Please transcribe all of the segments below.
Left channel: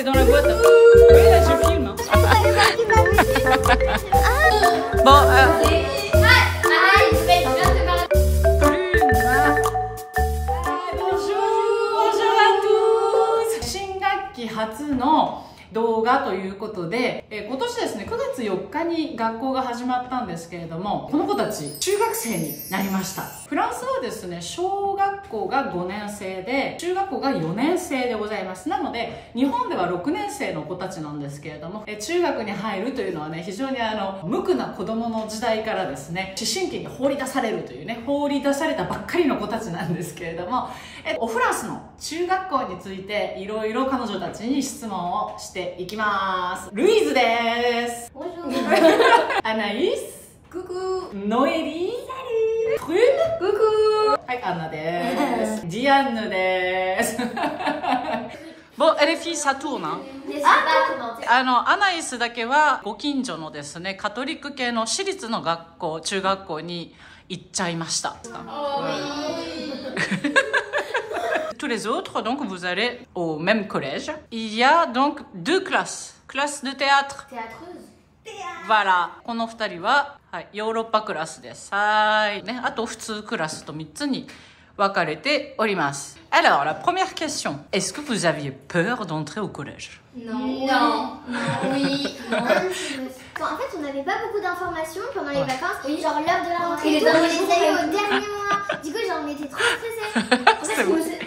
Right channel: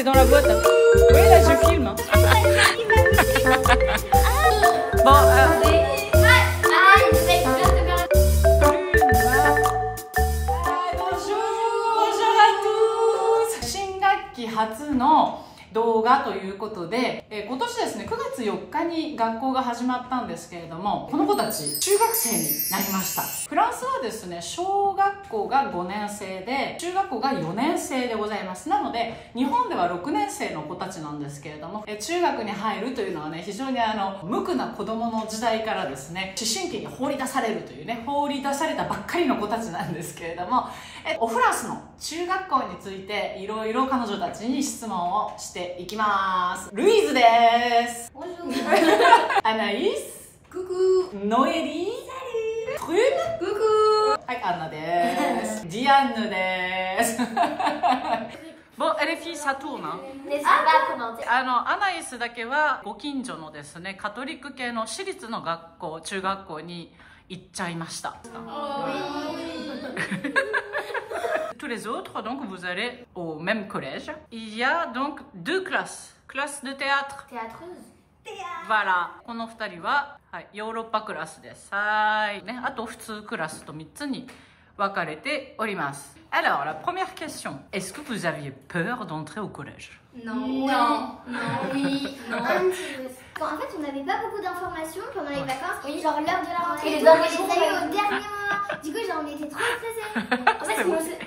t'es dans la boîte. Oui, là, je filme. Bon, bonjour à tous. 新学期初の動画ということで、今年ですね、9月4日に学校が始まったんですけれども、この子たち、中学生になりました。フランスはですね、小学校が5年生で、中学校が4年生でございます。なので、日本では6年生の子たちなんですけれども、中学に入るというのはね、非常に無垢な子供の時代からですね、思春期に放り出されるというね、放り出されたばっかりの子たちなんですけれども、フランスの中学校について、いろいろ彼女たちに質問をしていきます。ルイーズです。アナイス。クク。ノエリー。プルー。クク。はい、アンナです。ジアンヌです。Bon, les filles, ça tourne. Hein. アナイスだけはご近所のですね、カトリック系の私立の学校、中学校に行っちゃいました。Tous les autres, donc vous allez au même collège. Il y a donc 2 classes. Classe de théâtre. Voilà. この2人は、はい、ヨーロッパクラスです。はい。ね、あと普通クラスと3つに分かれております。Alors, la première question. Est-ce que vous aviez peur d'entrer au collège? Non. Non. Oui. En fait, on n'avait pas beaucoup d'informations pendant les vacances. Oui. Genre l'heure de la rentrée. Et les derniers jours, on les a eu au dernier moment. Du coup, j'en étais trop stressée. En fait,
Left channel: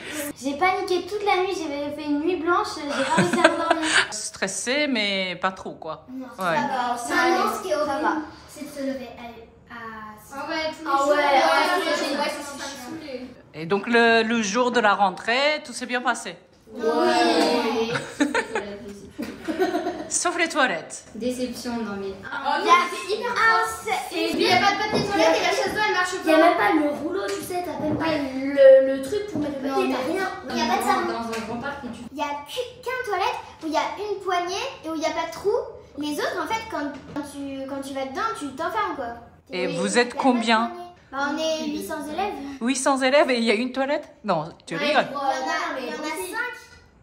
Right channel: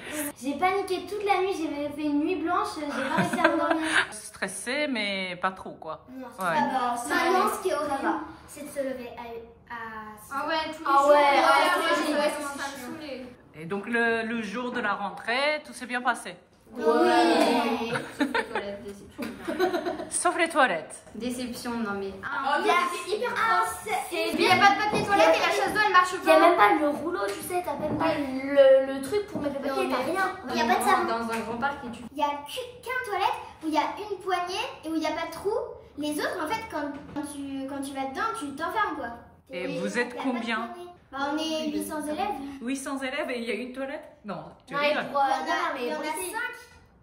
j'ai paniqué toute la nuit. J'ai fait une nuit blanche. J'ai pas réussi à dormir. Stressée, mais pas trop, quoi. Non, ouais. Maintenant, ce qui est horrible, c'est de se lever à... Ah ouais, tous les jours. Ouais, c'est chiant. Et donc le jour de la rentrée, tout s'est bien passé? Oui. Sauf les toilettes. Déception, non mais... C'est hyper propre. Et puis il n'y a pas de papier toilette et la chasse d'eau elle marche pas. Il n'y a même pas le rouleau, tu sais, t'as même pas le truc pour mettre le papier, t'as rien. Il n'y a pas de savon. Dans un grand parc et tu... Il n'y a qu'un toilette où il y a une poignée et où il n'y a pas de trou. Les autres, en fait, quand tu vas dedans, tu t'enfermes quoi. Et vous êtes combien? Bah, on est 800 élèves. 800 élèves et il y a une toilette? Non, tu rigoles. Il y en a 5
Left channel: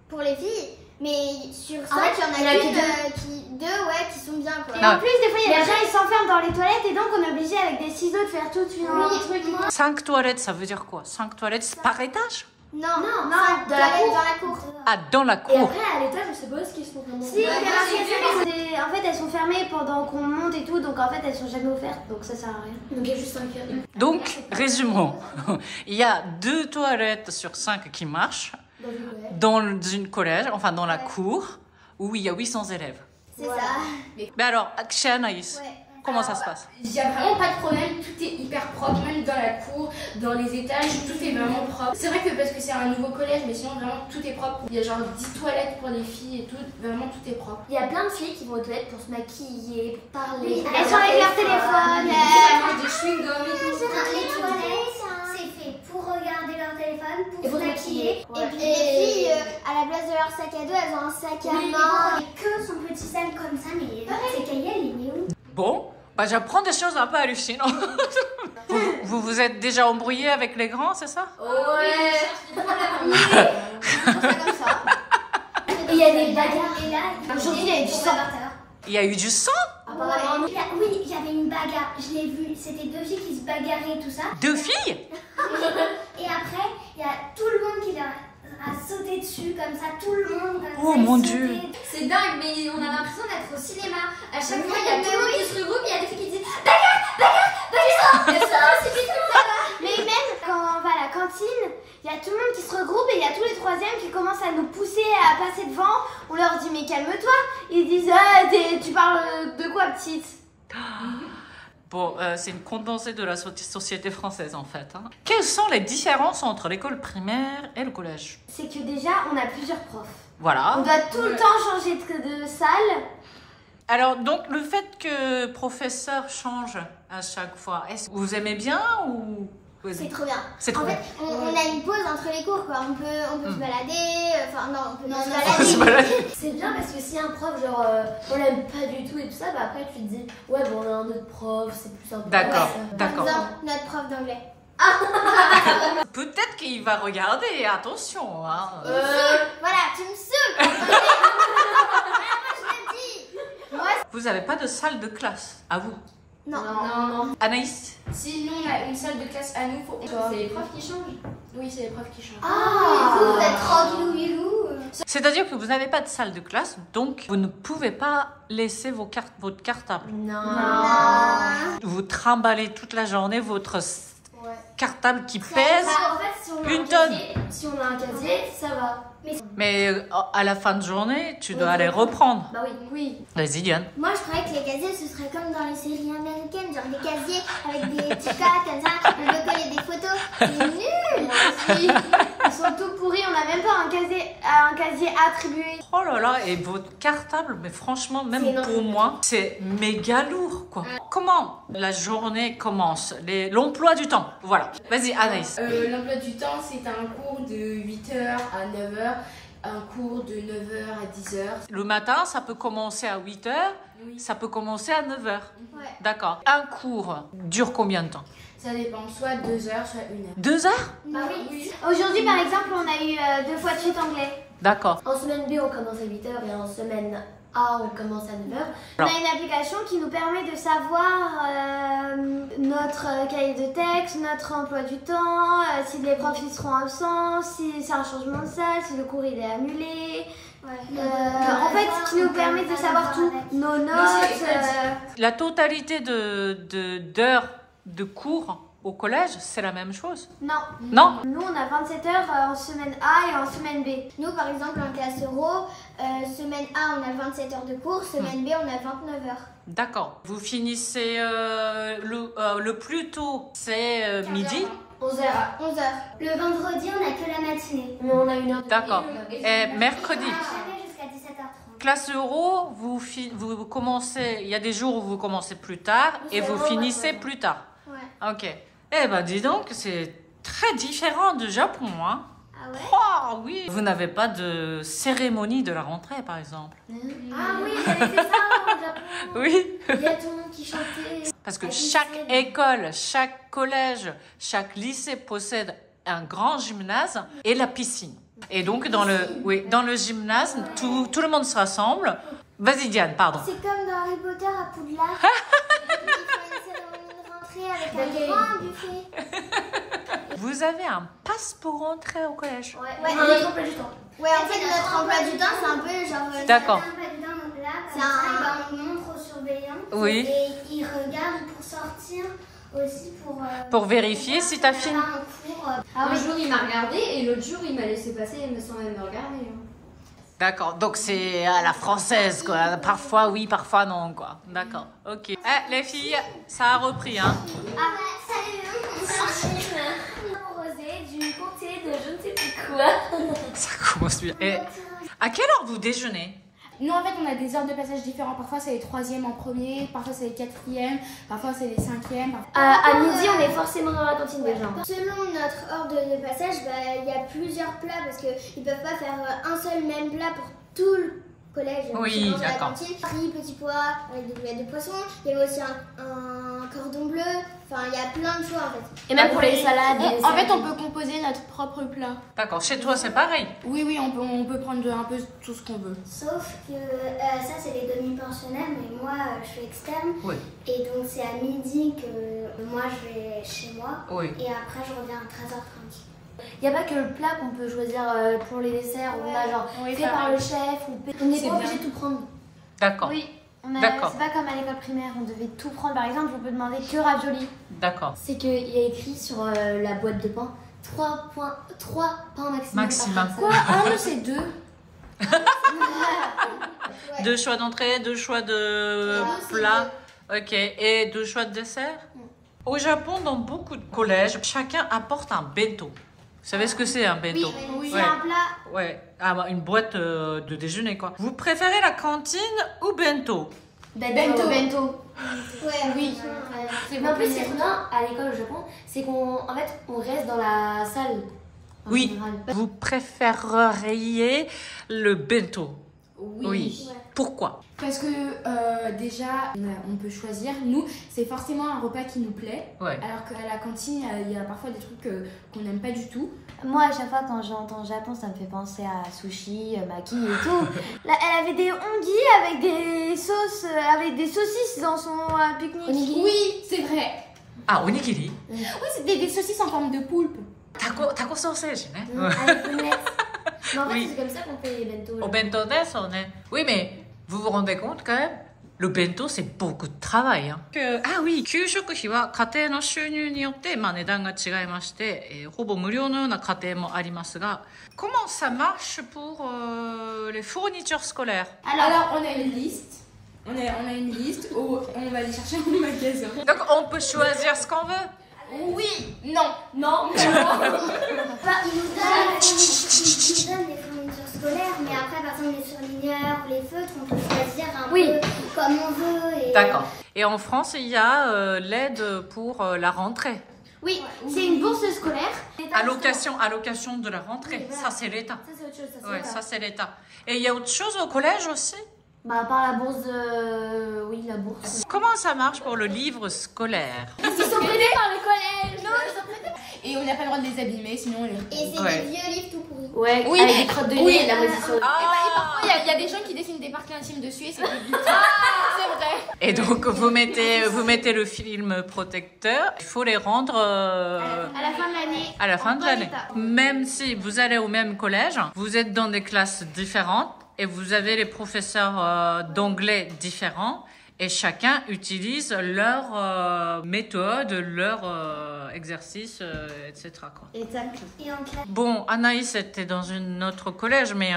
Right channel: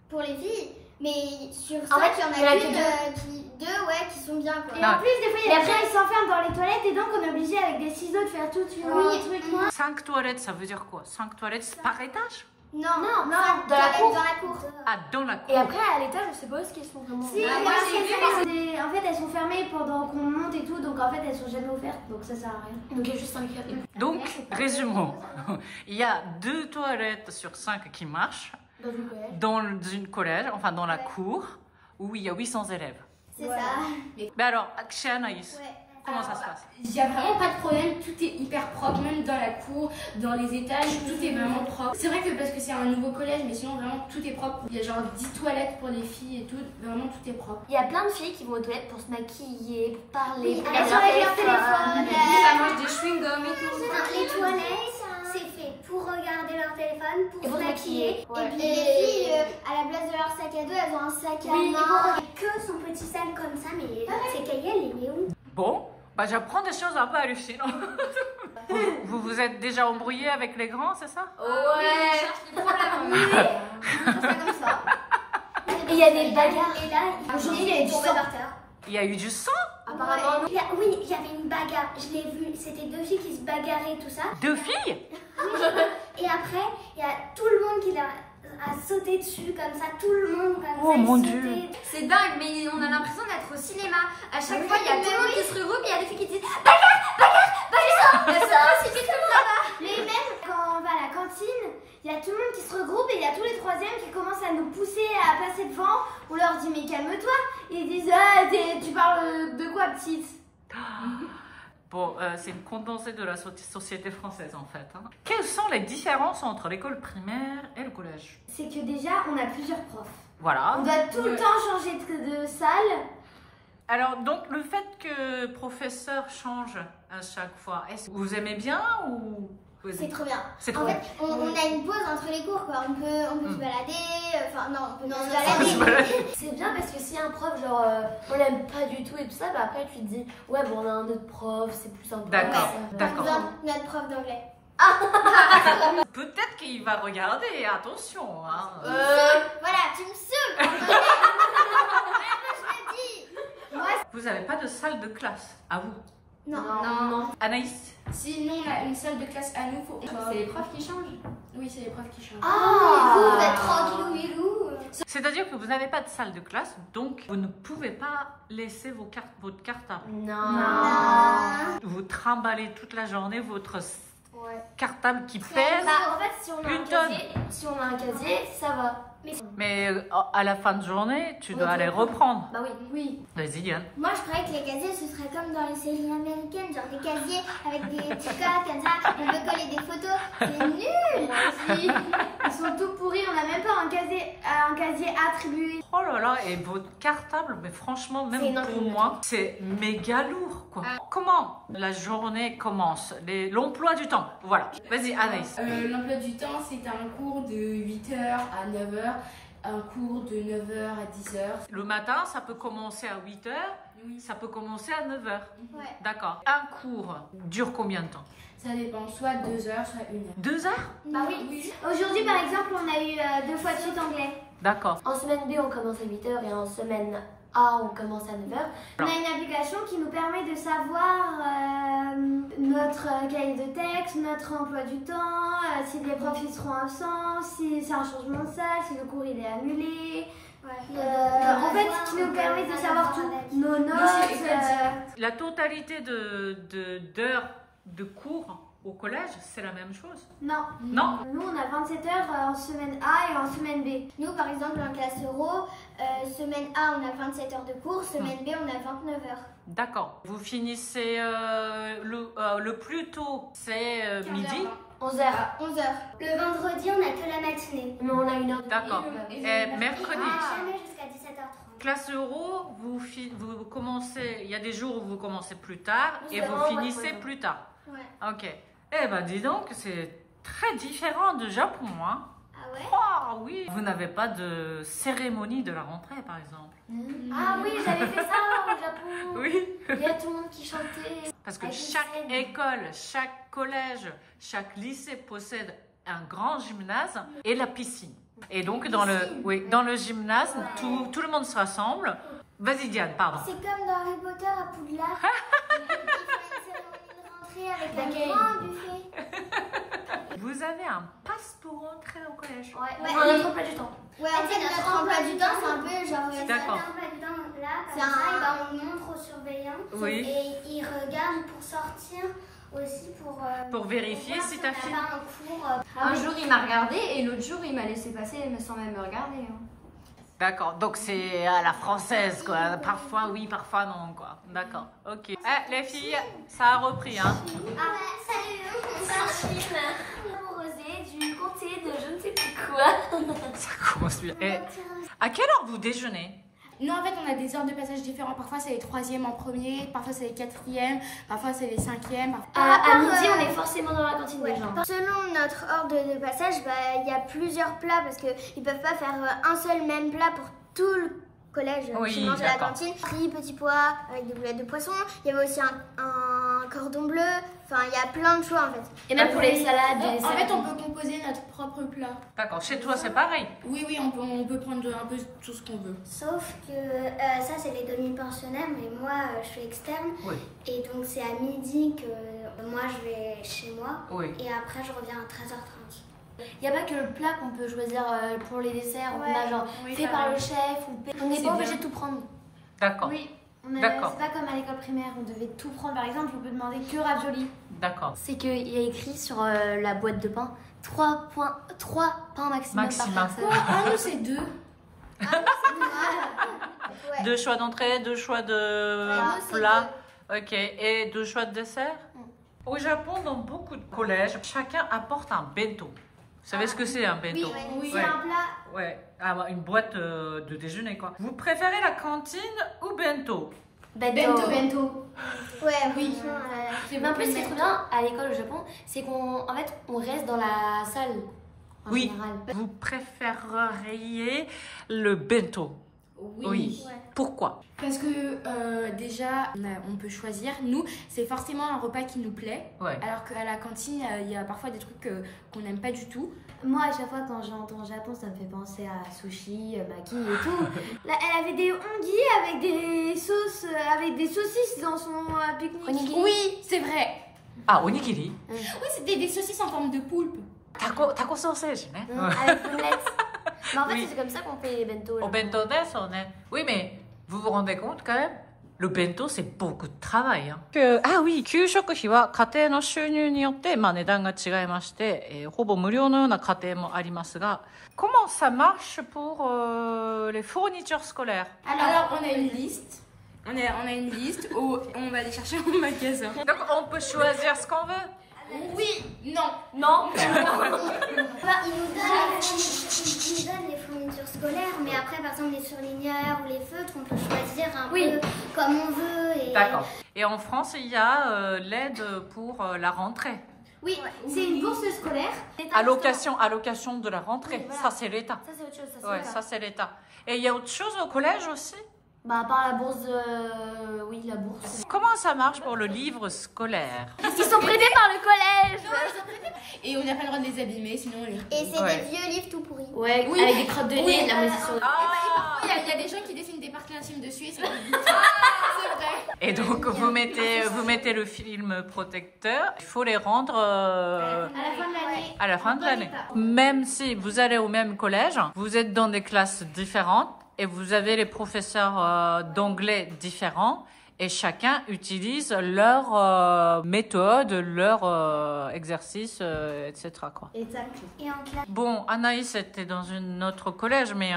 pour les filles. Mais sur 5, il y en a deux qui sont bien quoi. Et en plus, des fois, il y a après, ils s'enferment dans les toilettes et donc on est obligé avec des ciseaux de faire tout de suite un truc. 5 toilettes, ça veut dire quoi? 5 toilettes par étage? Non, dans la cour. Ah, dans la cour. Et après, à l'étage, on sait pas ce qu'elles sont vraiment. Si, en fait, elles sont fermées pendant qu'on monte et tout, donc en fait, elles sont jamais ouvertes, donc ça sert à rien. Donc il y a juste 5 heures. Donc, résumons. Il y a 2 toilettes sur 5 qui marchent dans une collège, enfin dans la cour, où il y a 800 élèves. C'est ça. Mais alors, chez Anaïs, comment ça se passe? Il n'y a vraiment pas de problème, tout est hyper propre, même dans la cour, dans les étages, tout est vraiment propre. C'est vrai que parce que c'est un nouveau collège, mais sinon vraiment tout est propre. Il y a genre 10 toilettes pour les filles et tout, vraiment tout est propre. Il y a plein de filles qui vont aux toilettes pour se maquiller, pour parler, pour elles sont avec leur téléphone. Elles mangent des chewing-gums et tout. Les toilettes, c'est fait pour regarder leur téléphone, pour se maquiller. Ouais. Et puis les filles, à la place de leur sac à dos, elles ont un sac à main. Que son petit sac comme ça, mais c'est Kayel, il est où? Bon, bah, j'apprends des choses un peu hallucinantes. vous vous êtes déjà embrouillé avec les grands, c'est ça? Ouais. Et il y a des bagarres. Et là, aujourd'hui, il y a eu du sang. Il y a eu du sang? Apparemment. Oui, il y avait une bagarre. Je l'ai vu. C'était 2 filles qui se bagarraient, tout ça. 2 filles? Et après, il y a tout le monde qui a sauté dessus, comme ça, tout le monde. Oh mon Dieu! C'est dingue, mais on a l'impression d'être au cinéma. À chaque fois, il y a tout le monde qui se regroupe, il y a des filles qui disent bagarre. Mais même quand on va à la cantine, il y a tout le monde qui se regroupe et il y a tous les 3e qui commencent à nous pousser à passer devant. On leur dit mais calme-toi. Ils disent ah tu parles de quoi petite? Bon, c'est une condensée de la société française en fait. Hein. Quelles sont les différences entre l'école primaire et le collège? C'est que déjà, on a plusieurs profs. Voilà. On doit tout le temps changer de salle. Alors, donc, le fait que le professeur change à chaque fois, est-ce que vous aimez bien ou... C'est trop bien. C'est trop bien. En fait, on a une pause entre les cours, quoi. On peut se balader. Enfin, non, on peut se balader. C'est bien parce que si un prof, genre, on l'aime pas du tout et tout ça, bah après tu te dis, ouais, bon, on a un autre prof, c'est plus sympa. D'accord, Ouais, d'accord. Par exemple, notre prof d'anglais. Peut-être qu'il va regarder, attention. Hein. Voilà, tu me saoules. vous n'avez pas de salle de classe à vous? Non. Non. Anaïs? Si nous, on a une salle de classe à nous, C'est les profs qui changent. Oui, c'est les profs qui changent. Ah, vous êtes tranquillou. C'est-à-dire que vous n'avez pas de salle de classe, donc vous ne pouvez pas laisser votre cartable. Non. Vous trimballez toute la journée votre Ouais. cartable qui pèse. Bah, en fait, si on a Une un tonne. casier, si on a un casier, ça va. Mais à la fin de journée, tu dois Oui, aller oui. reprendre. Bah oui. Oui. Vas-y, Diane. Moi, je croyais que les casiers, ce serait comme dans les séries américaines, genre des casiers avec des petits cas comme ça, on peut coller des photos. C'est nul. Ils sont tout pourris, on n'a même pas un casier attribué. Oh là là, et votre cartable, mais franchement, C'est même énorme. pour moi, c'est méga lourd, quoi. Comment la journée commence? L'emploi du temps, voilà. Vas-y, Anaïs. L'emploi du temps, c'est un cours de 8h à 9h, un cours de 9h à 10h. Le matin, ça peut commencer à 8h, Oui. ça peut commencer à 9h. Ouais. D'accord. Un cours dure combien de temps? Ça dépend, soit 2h, soit 1h. 2 heures? Bah oui. Aujourd'hui, par exemple, on a eu 2 fois de suite anglais. D'accord. En semaine B, on commence à 8h et en semaine A, on commence à 9h. On a une application qui nous permet de savoir notre cahier de texte, notre emploi du temps, si les profs ils seront absents, si c'est un changement de salle, si le cours il est annulé. En fait, ce qui nous permet de savoir tout. Nos notes. La totalité d'heures de cours au collège, c'est la même chose? Non. Non? Nous, on a 27 heures en semaine A et en semaine B. Nous, par exemple, en classe euro, semaine A, on a 27 heures de cours, semaine B, on a 29 heures. D'accord. Vous finissez le plus tôt, c'est midi? 11h. 11 heures. Le vendredi, on a que la matinée. Mais on a 1 heure de D'accord. pause. Et mercredi? Jamais jusqu'à 17h30. Classe euro, vous commencez, il y a des jours où vous commencez plus tard et vous finissez plus tard. Ouais. Ok. Eh ben dis donc, c'est très différent du Japon, hein? Ah ouais? Oh oui. Vous n'avez pas de cérémonie de la rentrée, par exemple? Ah oui, j'avais fait ça au Japon. Oui. Il y a tout le monde qui chantait. Parce que Avec une chaque scène. école, chaque collège, chaque lycée possède un grand gymnase et la piscine. Et donc dans le gymnase, tout le monde se rassemble. Vas-y Diane, pardon. C'est comme dans Harry Potter à Poudlard. Il fait une cérémonie de rentrée avec un grand buffet. Vous avez un passe pour rentrer au collège? Ouais, Enfin, notre emploi du temps. Ouais, en fait, notre emploi du temps, c'est un peu genre. D'accord. C'est un. On montre aux surveillants. Oui. Et ils regardent pour sortir aussi Pour vérifier si t'as fini. Un jour, il m'a regardé et l'autre jour, il m'a laissé passer sans même me regarder. D'accord, donc c'est à la française, quoi. Parfois oui, parfois non, quoi. D'accord, ok. Les filles, ça a repris, hein. Ah bah, salut. Rosé du comté de je ne sais plus quoi. Ça commence bien. Et à quelle heure vous déjeunez? Nous, en fait, on a des heures de passage différents. Parfois, c'est les 3e en premier, parfois, c'est les 4e, parfois, c'est les 5e. À midi, on est forcément dans la cantine déjà. Selon notre ordre de passage, bah, il y a plusieurs plats parce qu'ils ne peuvent pas faire un seul même plat pour tout le collège. Oui, qui mange à la d'accord. cantine. Riz, petits pois avec des boulettes de poisson. Il y avait aussi un cordon bleu. Enfin, il y a plein de choix en fait. Et même pour les salades. En fait, on peut composer notre propre plat. D'accord, chez toi c'est pareil? Oui, on peut prendre un peu tout ce qu'on veut. Sauf que ça, c'est les demi-pensionnaires, mais moi, je suis externe. Oui. Et donc, c'est à midi que moi, je vais chez moi. Oui. Et après, je reviens à 13h30. Il n'y a pas que le plat qu'on peut choisir pour les desserts. On a genre Oui, fait ça par va. le chef. On n'est C'est pas obligé bien. de tout prendre. D'accord, Oui, D'accord. c'est pas comme à l'école primaire, on devait tout prendre. Par exemple, on peut demander que ravioli. d'accord. C'est qu'il y a écrit sur la boîte de pain 3 pains maximum. Maximum. Par personne. Ah, nous, c'est 2. Ouais. 2 choix d'entrée, 2 choix de plat. Ok, et 2 choix de dessert? Au Japon, dans beaucoup de collèges, chacun apporte un bento. Vous savez ce que c'est un bento? Oui, Ouais. c'est un plat. Ouais, une boîte de déjeuner quoi. Vous préférez la cantine ou bento? Bento. Ouais, Oui. Mais en plus, ce qui est trop bien à l'école au Japon, c'est qu'on on reste dans la salle. En Oui. général. Vous préféreriez le bento? Oui. Ouais. Pourquoi? Parce que déjà, on peut choisir. Nous, c'est forcément un repas qui nous plaît. Ouais. Alors qu'à la cantine, il y a parfois des trucs qu'on n'aime pas du tout. Moi, à chaque fois, quand j'entends Japon, ça me fait penser à sushi, maki et tout. Là, elle avait des onigiri avec des sauces, avec des saucisses dans son pique-nique. Oui, c'est vrai. Ah, onigiri. Oui, c'était des saucisses en forme de poulpe. Taco sausage, né? Avec omelette. Mais en fait, Oui. c'est comme ça qu'on fait les bento. Au bento desu, né? Oui, mais vous vous rendez compte quand même? Le bento, c'est beaucoup de travail. Hein. Ah oui、給食費は家庭の収入によって、値段が違いまして、ほぼ無料のような家庭もありますが、comment ça marche pour les fournitures scolaires? Alors, on a une liste. On a une liste où on va les chercher au magasin. Donc, on peut choisir ce qu'on veut? Oui, non. Enfin, ils nous donnent les fournitures scolaires, mais après, par exemple, les surligneurs, les feutres, on peut choisir un peu comme on veut. Et... D'accord. Et en France, il y a l'aide pour la rentrée. Oui, c'est une bourse scolaire. Allocation de la rentrée. Oui, voilà. Ça, c'est l'État. Ça, c'est autre chose. Ça, c'est Ouais, l'État. ça, c'est l'État. Et il y a autre chose au collège aussi? Bah, à part la bourse de... Oui, la bourse. Comment ça marche pour le livre scolaire? Ils sont prêtés par le collège. Et on n'a pas le droit de les abîmer, sinon on les... Et c'est Ouais. des vieux livres tout pourris. Ouais, Oui. avec des crottes de nez et de la moisissure. Ah! Il y a des gens qui dessinent des parties intimes dessus et c'est c'est vrai. Et donc, vous mettez le film protecteur. Il faut les rendre À la fin de l'année. à la fin de l'année. Même si vous allez au même collège, vous êtes dans des classes différentes et vous avez les professeurs d'anglais différents et chacun utilise leur méthode, leur exercice, etc. quoi. Exact. Et en classe. Bon, Anaïs était dans une autre collège, mais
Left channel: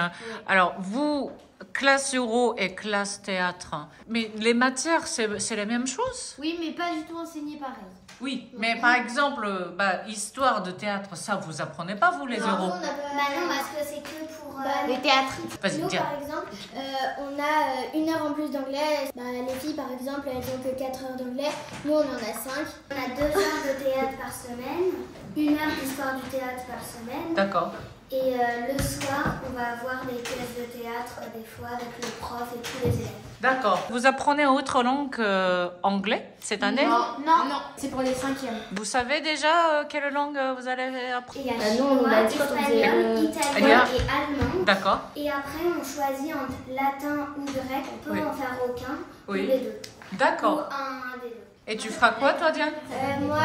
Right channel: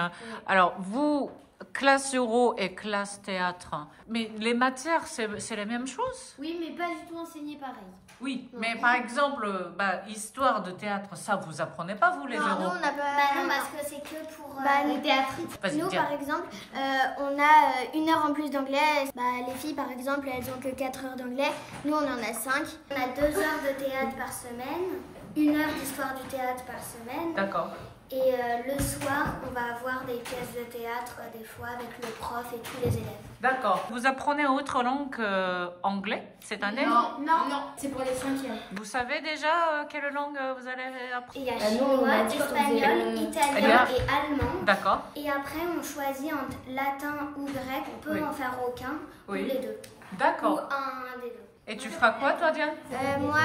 alors vous, classe euro et classe théâtre, mais les matières, c'est la même chose? Oui, mais pas du tout enseigné pareil. Oui, mais par exemple, histoire de théâtre, ça vous apprenez pas vous les Non, euros? on n'a pas... Bah non, parce que c'est que pour le théâtre. Vas-y, Nous, tiens. par exemple, on a 1 heure en plus d'anglais. Bah, les filles, par exemple, elles ont que 4 heures d'anglais. Nous, on en a 5. On a 2 heures de théâtre par semaine, 1 heure d'histoire du théâtre par semaine. D'accord. Et le soir, on va avoir des pièces de théâtre, des fois, avec le prof et tous les élèves. D'accord. Vous apprenez autre langue anglais cette année? Non, c'est pour les 5e. Vous savez déjà quelle langue vous allez apprendre? Et il y a Bah, nous, on chinois, a dit qu'on faisait, espagnol, italien et allemand. D'accord. Et après, on choisit entre latin ou grec. On peut Oui. en faire aucun, Oui. ou les deux. Ou D'accord. un des deux. Et tu feras quoi toi, Diane? Moi,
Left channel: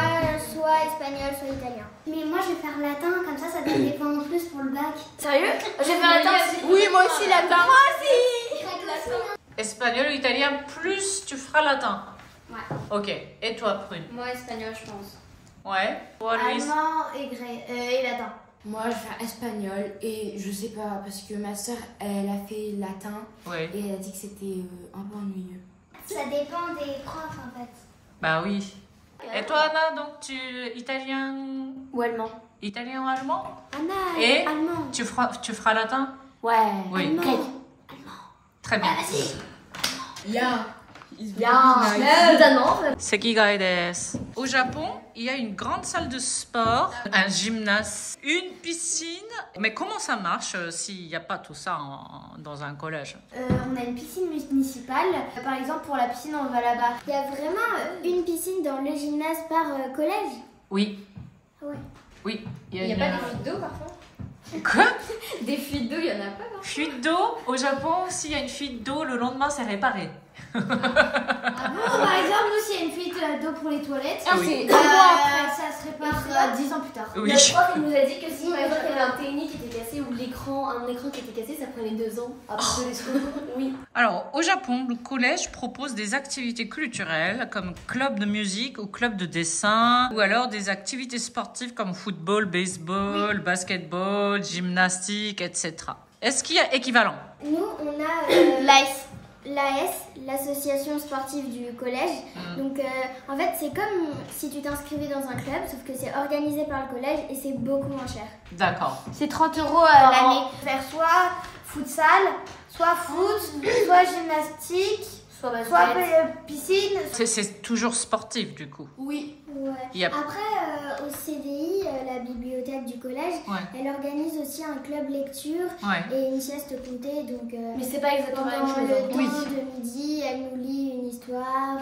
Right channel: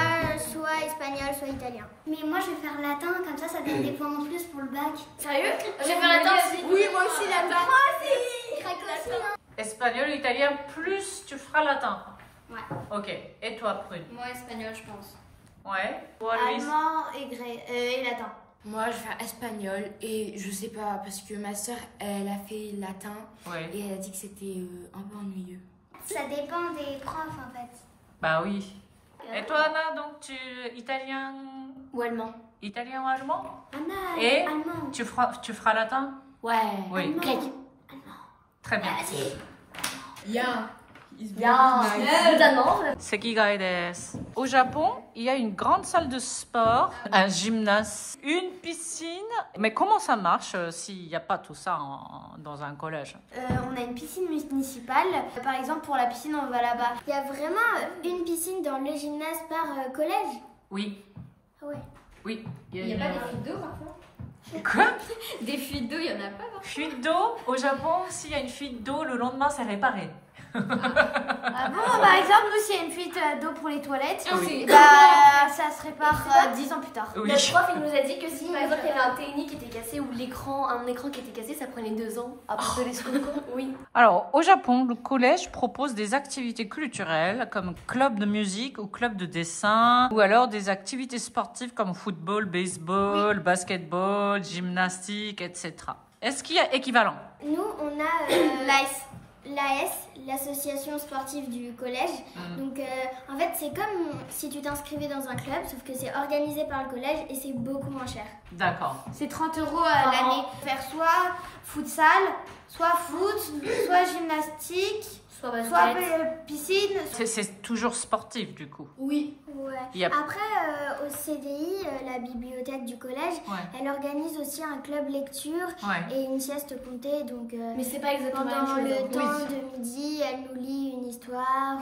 soit espagnol, soit italien. Mais moi, je vais faire latin, comme ça donne des points en plus pour le bac. Sérieux? J'ai fait latin aussi. Oui, moi aussi, latin. Espagnol, italien, plus tu feras latin. Ouais. Ok. Et toi, Prune? Moi, espagnol, je pense. Ouais. Toi, Louise? Allemand et latin. Moi, je vais faire espagnol et je sais pas, parce que ma soeur, elle a fait latin Oui. et elle a dit que c'était un peu ennuyeux. Ça dépend des profs, en fait. Bah oui. Et toi, Anna, donc italien Ou allemand. ou allemand? Anna, Et allemand. tu feras latin? Ouais. Oui. Grec. Très bien. Ya. Notamment. Sekigai desu. Au Japon, il y a une grande salle de sport, un gymnase, une piscine. Mais comment ça marche s'il n'y a pas tout ça dans un collège? On a une piscine municipale. Par exemple, pour la piscine, on va là-bas. Il y a vraiment une piscine dans le gymnase par collège. Oui. Oui. Oui. Il n'y a pas des fuites d'eau parfois? Quoi? Des fuites d'eau, il n'y en a pas parfois? Fuite d'eau? Au Japon, s'il y a une fuite d'eau, le lendemain, c'est réparé. Par exemple, nous, s'il y a une fuite d'eau pour les toilettes, Oui. ça se répare 10 ans plus tard. Oui. Notre prof, il nous a dit que si par exemple il y avait un technique qui était cassé ou un écran qui était cassé, ça prenait 2 ans après de les secours. Oui. Alors, au Japon, le collège propose des activités culturelles comme club de musique ou club de dessin, ou alors des activités sportives comme football, baseball, basketball, gymnastique, etc. Est-ce qu'il y a équivalent? Nous, on a l'AS, l'association sportive du collège. Donc, en fait, c'est comme si tu t'inscrivais dans un club, sauf que c'est organisé par le collège et c'est beaucoup moins cher. D'accord. C'est 30 € à l'année. Faire soit futsal, soit foot, soit gymnastique, Soit basket. soit piscine. C'est toujours sportif du coup. Oui. Ouais. Yep. Après, au CDI, la bibliothèque du collège, elle organise aussi un club lecture et une sieste comptée. Donc, mais c'est pas exactement la pendant même chose. le temps de midi, elle nous lit une histoire.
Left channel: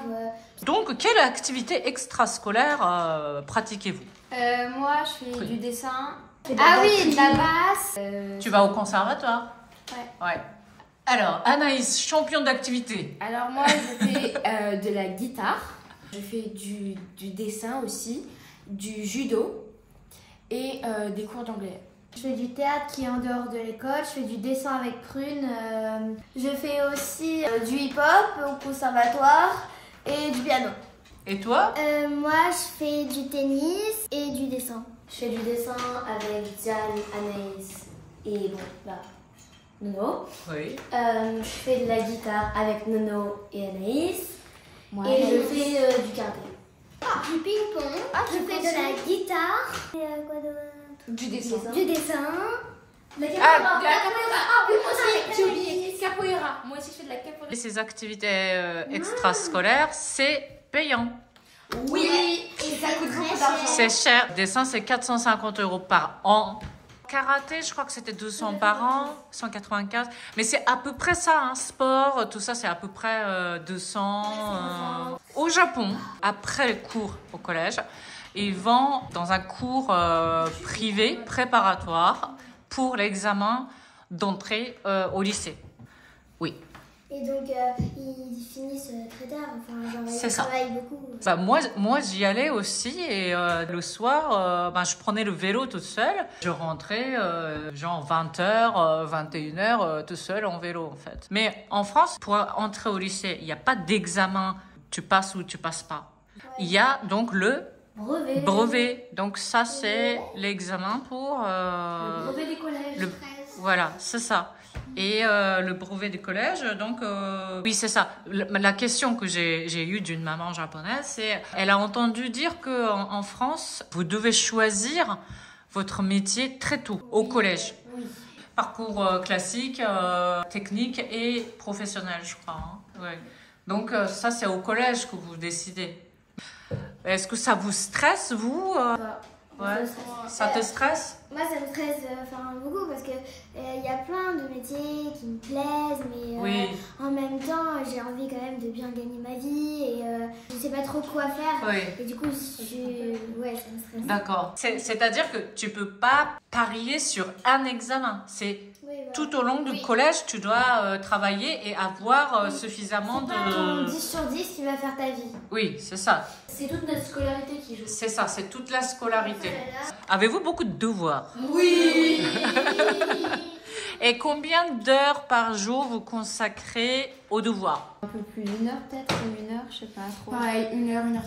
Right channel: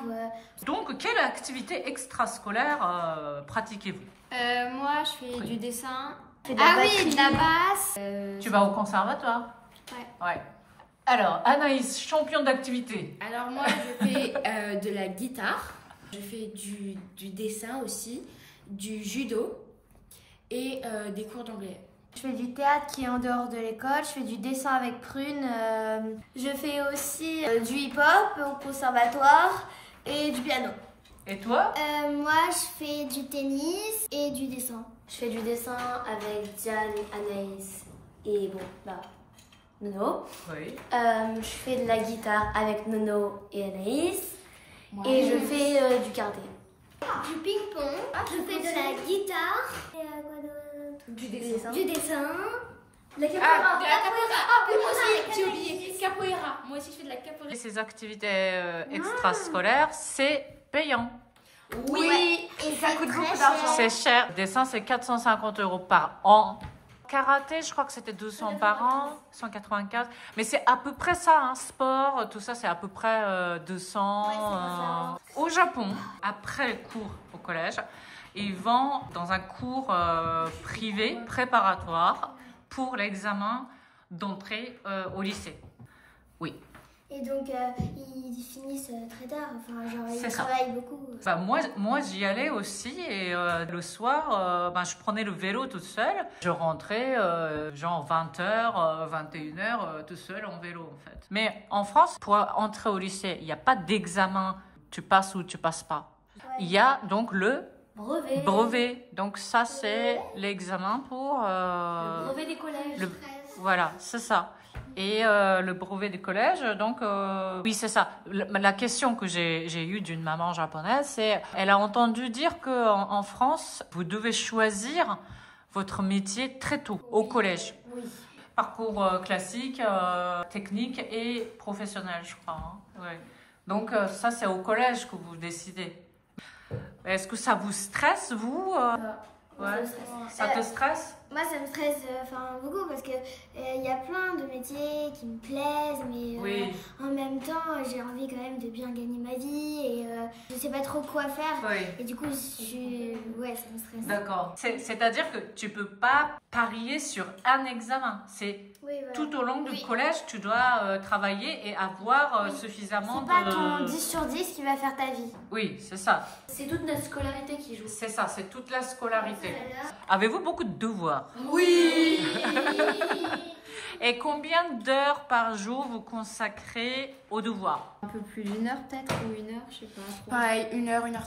Donc, quelle activité extrascolaire pratiquez-vous? Moi, je fais du dessin. Ah oui, de la basse. Tu vas au conservatoire? Ouais. Alors, Anaïs, champion d'activité. Alors moi, je fais de la guitare. Je fais du dessin aussi, du judo et des cours d'anglais. Je fais du théâtre qui est en dehors de l'école. Je fais du dessin avec Prune. Je fais aussi du hip-hop au conservatoire et du piano. Et toi? Moi, je fais du tennis et du dessin. Je fais du dessin avec Diane, Anaïs et bon, là, Nono. Oui. Je fais de la guitare avec Nono et Anaïs. Et je fais du karaté. Du ping-pong, je fais de la guitare. Et quoi d'autre? Du dessin. Du dessin. La capoeira. Ah, moi aussi, j'ai oublié. Capoeira. Moi aussi, je fais de la capoeira. Et ces activités extrascolaires, c'est payant. Oui. Et ça coûte beaucoup d'argent. C'est cher. Dessin, c'est 450 € par an. Karaté, je crois que c'était 200 par an, 195. Mais c'est à peu près ça, hein. Sport, tout ça, c'est à peu près 200. Au Japon, après le cours au collège, ils vont dans un cours privé préparatoire pour l'examen d'entrée au lycée. Oui. Et donc, ils finissent très tard. Enfin, genre, C'est ils ça. travaillent beaucoup. Bah, moi j'y allais aussi et le soir, je prenais le vélo toute seule. Je rentrais genre 20h, 21h tout seul en vélo en fait. Mais en France, pour entrer au lycée, il n'y a pas d'examen, tu passes ou tu passes pas. Il y a donc le brevet. Donc ça c'est l'examen pour... Le brevet des collèges. Voilà, c'est ça. Et le brevet du collège, donc oui, c'est ça. La question que j'ai eue d'une maman japonaise, c'est elle a entendu dire que en France, vous devez choisir votre métier très tôt, au collège. Oui. Parcours classique, technique et professionnel, je crois. Hein. Ouais. Donc ça, c'est au collège que vous décidez. Est-ce que ça vous stresse, vous Ouais. Ça te stresse? Moi, ça me stresse beaucoup parce que il y a plein de métiers qui me plaisent, mais en même temps, j'ai envie quand même de bien gagner ma vie et je sais pas trop quoi faire. Oui. Et du coup, ça me stresse. D'accord. C'est-à-dire que tu peux pas parier sur un examen. C'est tout au long du collège, tu dois travailler et avoir suffisamment de... C'est pas ton 10 sur 10 qui va faire ta vie. Oui, c'est ça. C'est toute notre scolarité qui joue. C'est ça, c'est toute la scolarité. Avez-vous beaucoup de devoirs? Oui. Et combien d'heures par jour vous consacrez aux devoirs? Un peu plus d'1 heure peut-être, ou 1 heure, je sais pas trop. Pareil, 1h, 1h30.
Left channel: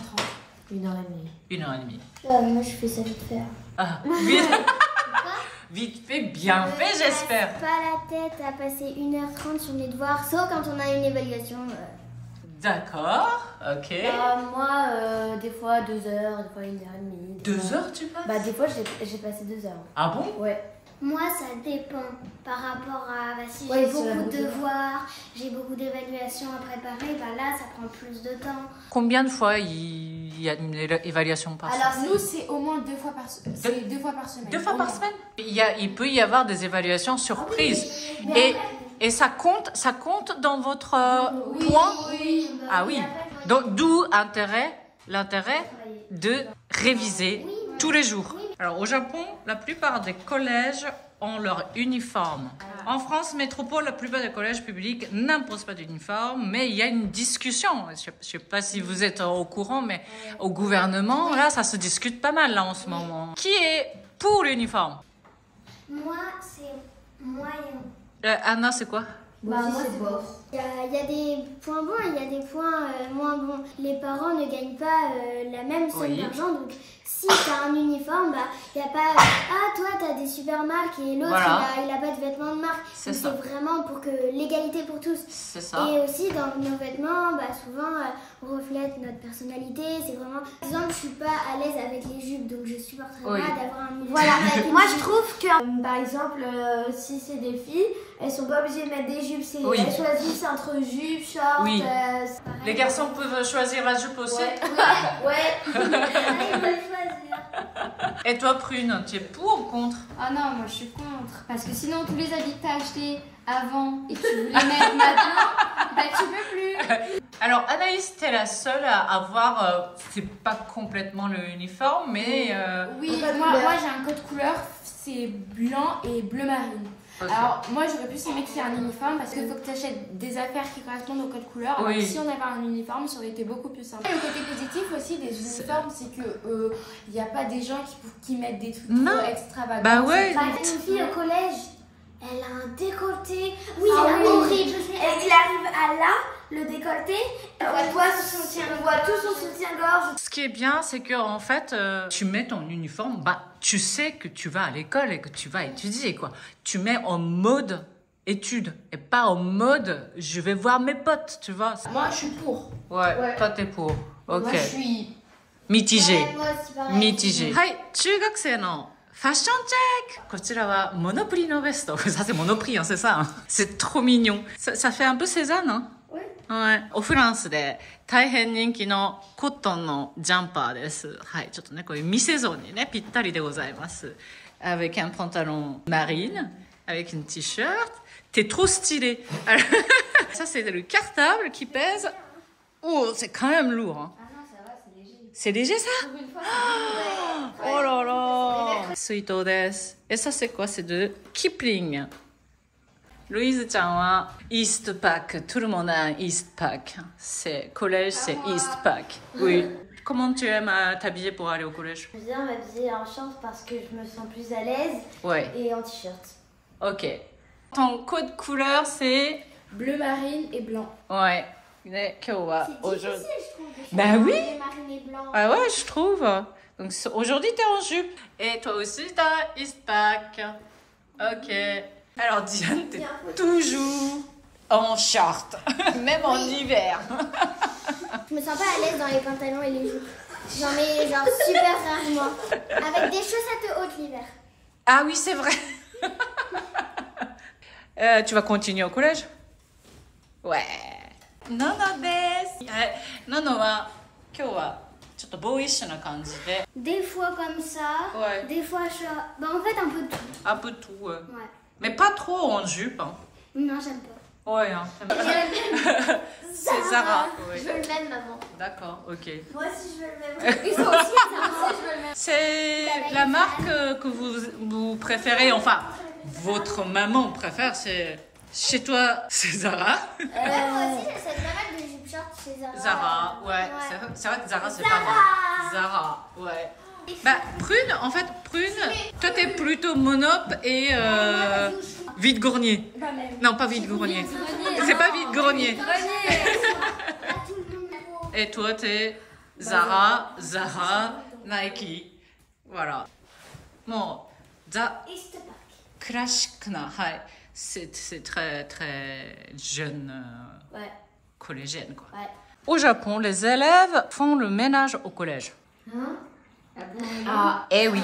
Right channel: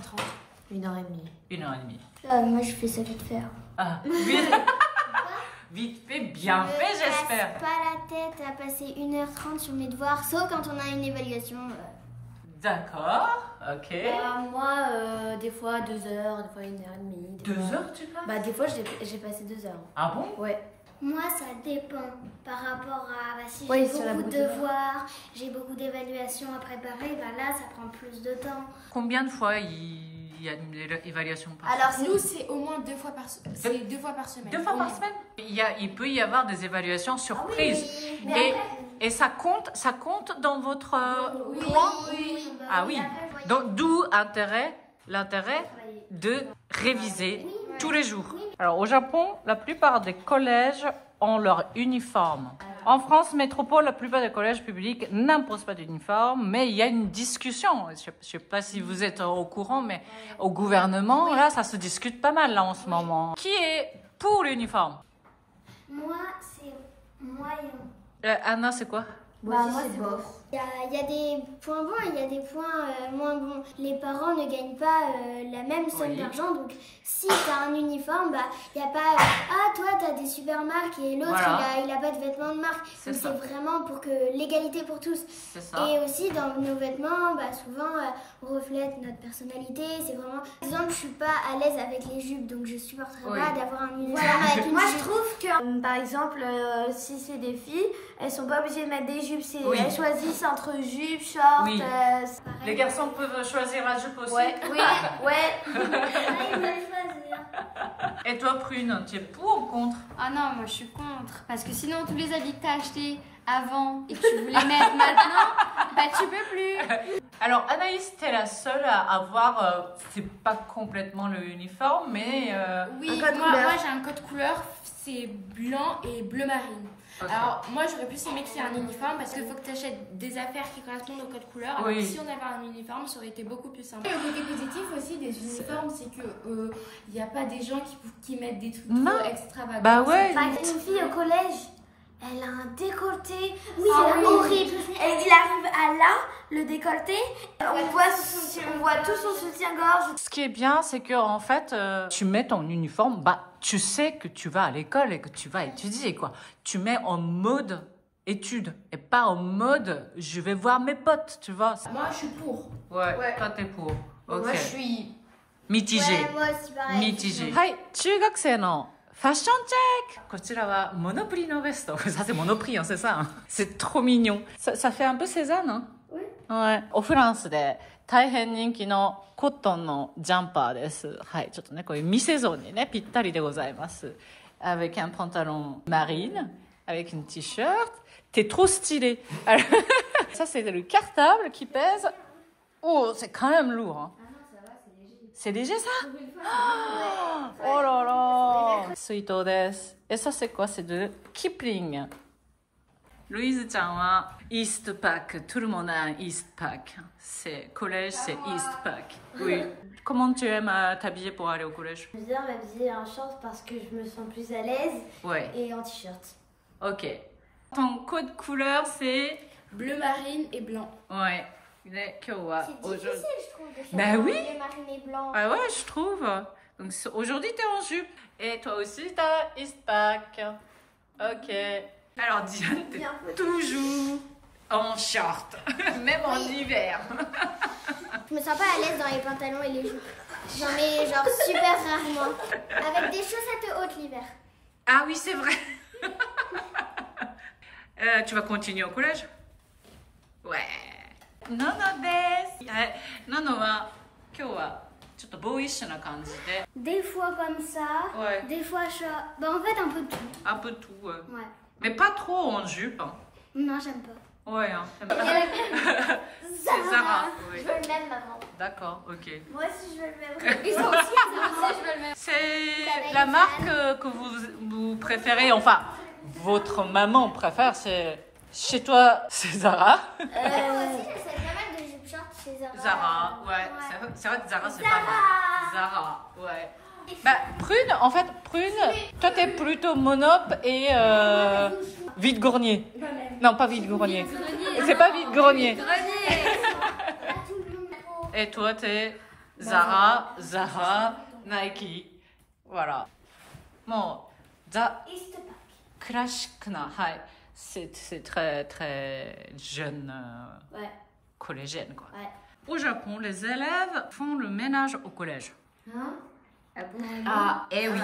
1h30. 1h30. Moi, je fais ça vite fait. Ah, vite. Vite fait, bien fait, j'espère. Pas la tête à passer 1h30 sur mes devoirs, sauf quand on a une évaluation. D'accord, ok. Moi, des fois 2 heures, des fois 1h30. 2 heures, tu passes? Bah, des fois, j'ai passé 2 heures. Ah bon? Ouais. Moi, ça dépend par rapport à si Oui, j'ai c'est la beaucoup de beauté. devoirs, j'ai beaucoup d'évaluations à préparer, bah là, ça prend plus de temps. Combien de fois il y a une évaluation par semaine? Alors nous, c'est au moins 2 fois par semaine. C'est 2 fois par semaine. 2 fois par semaine? Il peut y avoir des évaluations surprises. Et ça compte dans votre point? Oui. Ah oui. Donc d'où l'intérêt de réviser tous les jours. Alors au Japon, la plupart des collèges ont leur uniforme. En France métropole, la plupart des collèges publics n'imposent pas d'uniforme, mais il y a une discussion. Je ne sais pas si vous êtes au courant, mais au gouvernement, là, ça se discute pas mal là en ce moment. Qui est pour l'uniforme? Moi, c'est moyen. Anna, c'est quoi? Moi, c'est bof. Il y a des points bons et il y a des points moins bons. Les parents ne gagnent pas la même somme d'argent, donc si tu as un uniforme, bah, il n'y a pas ah, toi, tu as des super marques et l'autre, il a pas de vêtements de marque. Donc c'est vraiment pour que l'égalité pour tous. C'est ça. Et aussi, dans nos vêtements, bah, souvent, on reflète notre personnalité. C'est vraiment... Par exemple, je suis pas à l'aise avec les jupes, donc je supporterais pas d'avoir un uniforme avec une jupe. Moi, je trouve que, par exemple, si c'est des filles, elles sont pas obligées de mettre des jupes. Oui. Elles choisissent entre jupes, shorts. Oui. Les garçons peuvent choisir la jupe aussi. Ouais. Ils veulent choisir. Et toi, Prune, tu es pour ou contre? Ah non, moi je suis contre. Parce que sinon, tous les habits que t'as achetés avant et que tu voulais mettre maintenant, bah tu peux plus. Alors, Anaïs, t'es la seule à avoir, c'est pas complètement le uniforme, mais... Oui, moi j'ai un code couleur, c'est blanc et bleu marine. Ok. Alors moi j'aurais plus aimé qu'il y ait un uniforme parce qu'il faut que tu achètes des affaires qui correspondent au code couleur. Alors Oui. si on avait un uniforme, ça aurait été beaucoup plus simple. Le côté positif aussi des uniformes, c'est que il n'y a pas des gens qui mettent des trucs Non. trop extravagants. Bah ouais. Par exemple, une fille au collège, elle a un décolleté. Oui, c'est horrible. Je sais. Il arrive à là, le décolleté. On voit tout son soutien-gorge. Ce qui est bien, c'est que en fait, tu mets ton uniforme, bah, tu sais que tu vas à l'école et que tu vas étudier, quoi. Tu mets en mode étude et pas en mode je vais voir mes potes, tu vois. Moi je suis pour. Ouais, toi t'es pour. Ok. Moi je suis... Mitigé. Ouais, moi aussi, pareil. Mitigé. はい、中学生のファッションチェック。こちらはモノプリのベスト。Ça c'est Monoprix, hein, c'est ça. Hein. C'est trop mignon. Ça fait un peu Cézanne, hein? Oui. Ouais. おフランスで大変人気のコットンのジャンパーです。はい、ちょっとね、こういうミセゾンにね、ぴったりでございます。Avec un pantalon marine, avec une t-shirt. T'es trop stylé. Alors, ça c'est le cartable qui pèse. Oh, c'est quand même lourd, hein. C'est léger ça? Oh là là! Suito desu. Et ça c'est quoi? C'est de Kipling. Louise chan wa East Pack. Tout le monde a un East Pack. C'est collège, c'est East Pack. Oui. Comment tu aimes t'habiller pour aller au collège? J'aime bien m'habiller en short parce que je me sens plus à l'aise Ouais. et en t-shirt. Ok. Ton code couleur c'est? Bleu marine et blanc. Ouais. Mais kyowa C'est aujourd'hui. difficile, je trouve. de Bah choisir oui. les marines et blancs. Ah ouais, je trouve. Donc aujourd'hui, t'es en jupe. Et toi aussi, t'as East Pack. Ok. Alors Diane, t'es toujours en short. Même en hiver. Je me sens pas à l'aise dans les pantalons et les jupes. J'en mets genre super rarement. Avec des chaussettes hautes l'hiver. Ah oui, c'est vrai. Tu vas continuer au collège? Ouais. Nono desu. Nono wa kyou wa chotto boyish na kanji de. Des fois comme ça, Ouais. des fois short. Bah en fait un peu de tout. Un peu tout. Ouais. Mais pas trop en jupe. Hein. Non, j'aime pas. Ouais, hein. C'est Zara. Oui. Je veux le même maman. D'accord, ok. Moi aussi je veux le même. Ils ont aussi ça. C'est la marque que vous préférez, enfin, votre maman préfère, c'est chez toi, c'est Zara. Moi aussi j'essaie pas mal de jupes short chez Zara. Zara, ouais. C'est vrai que Zara, c'est pas mal. Zara, ouais. Bah, Prune, en fait, Prune, toi t'es plutôt Monop et vide-grenier. Non, pas vide-grenier. C'est pas vide-grenier. Et toi, t'es Zara, Nike. Voilà. Bon, East Pack. classique, ouais. C'est très, très jeune, Ouais. collégienne, quoi. Ouais. Au Japon, les élèves font le ménage au collège. Hein? Ah bon? Ah, eh oui.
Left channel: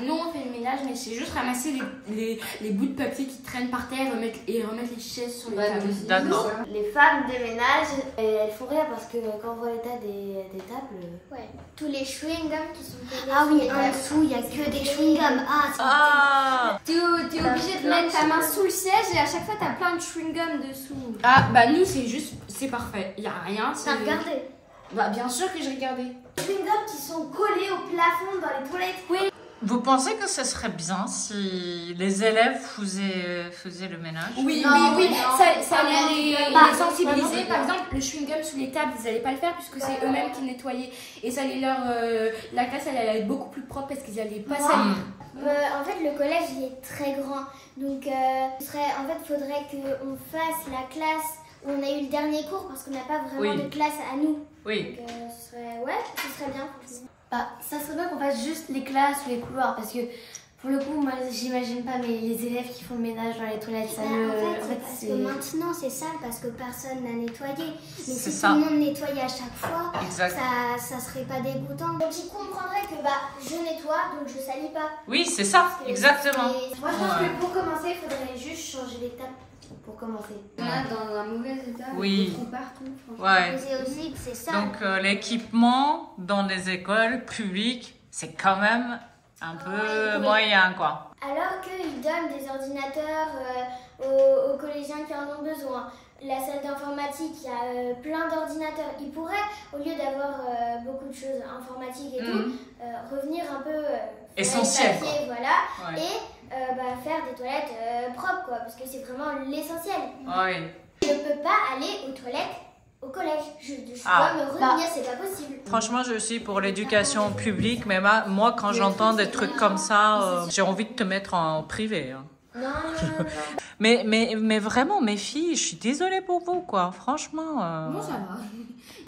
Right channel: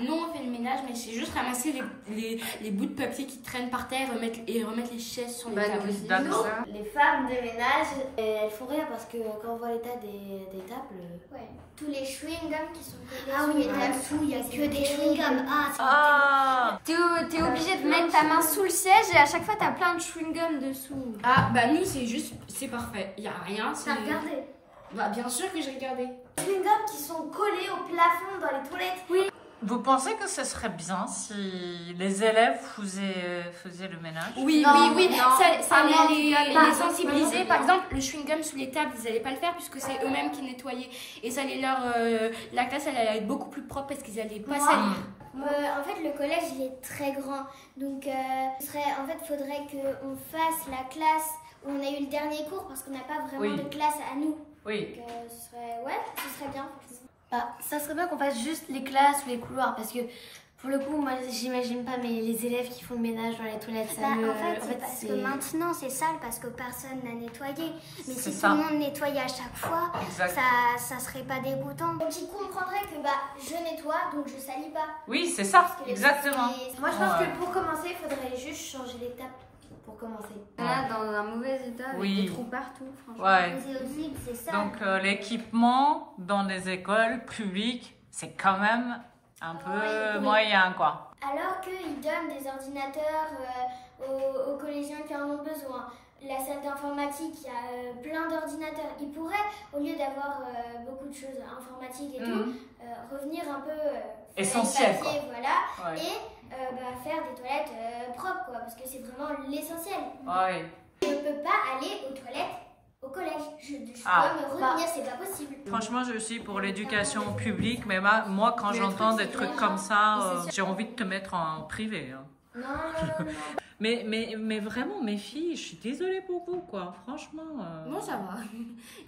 Nous on fait le ménage, mais c'est juste ramasser les bouts de papier qui traînent par terre et remettre les chaises sur les tables. D'accord. Les femmes de ménage, elles font rire parce que quand on voit l'état des tables. Ouais. Tous les chewing-gums qui sont collés. Ah oui, sur en les dessous, il y a que des chewing-gums. Ah, c'est Ah, T'es obligé de mettre ta main sous le siège et à chaque fois t'as plein de chewing-gum dessous. Ah bah nous c'est parfait, il y a rien. T'as regardé. Bah bien sûr que j'ai regardé. Des chewing-gums qui sont collés au plafond dans les toilettes. Oui. vous pensez que ce serait bien si les élèves faisaient le ménage? Oui, Non, oui, non. ça Non, les sensibiliser. Par exemple, le chewing-gum sous les tables, ils n'allaient pas le faire puisque c'est eux-mêmes qui nettoyaient. Et ça allait la classe, elle allait être beaucoup plus propre parce qu'ils n'allaient pas salir. En fait, le collège il est très grand. Donc, en fait, faudrait qu'on fasse la classe où on a eu le dernier cours parce qu'on n'a pas vraiment Oui. de classe à nous. Oui. Donc, ce serait bien, franchement. Bah, ça serait bien qu'on fasse juste les classes ou les couloirs parce que Pour le coup, moi, j'imagine pas, mais les élèves qui font le ménage dans les toilettes, ça me... En fait, parce que maintenant, c'est sale parce que personne n'a nettoyé. Mais si ça. tout le monde nettoyait à chaque fois, Exact. ça serait pas dégoûtant. Donc, ils comprendraient que je nettoie, donc je salis pas. Oui, c'est ça, Parce que exactement. Moi, je pense que pour commencer, il faudrait juste changer l'étape pour commencer. On est dans un mauvais état, Oui. des trous partout, franchement. Ouais. Mais c'est aussi que c'est sale. Donc l'équipement dans les écoles publiques, c'est quand même un peu moyen, quoi. Alors qu'ils donnent des ordinateurs aux collégiens qui en ont besoin. La salle d'informatique, il y a plein d'ordinateurs. Ils pourraient, au lieu d'avoir beaucoup de choses informatiques et tout, revenir un peu Essentiel, sur les papiers, voilà, Ouais. et faire des toilettes propres, quoi, parce que c'est vraiment l'essentiel. Ouais. Je ne peux pas aller aux toilettes au collège. Je Ah. dois me retenir, c'est pas possible. Franchement, je suis pour l'éducation publique, mais moi, quand j'entends des trucs comme ça, j'ai envie de te mettre en privé. Hein. Non. Mais vraiment, mes filles, je suis désolée pour vous, quoi. Franchement. Bon, ça va.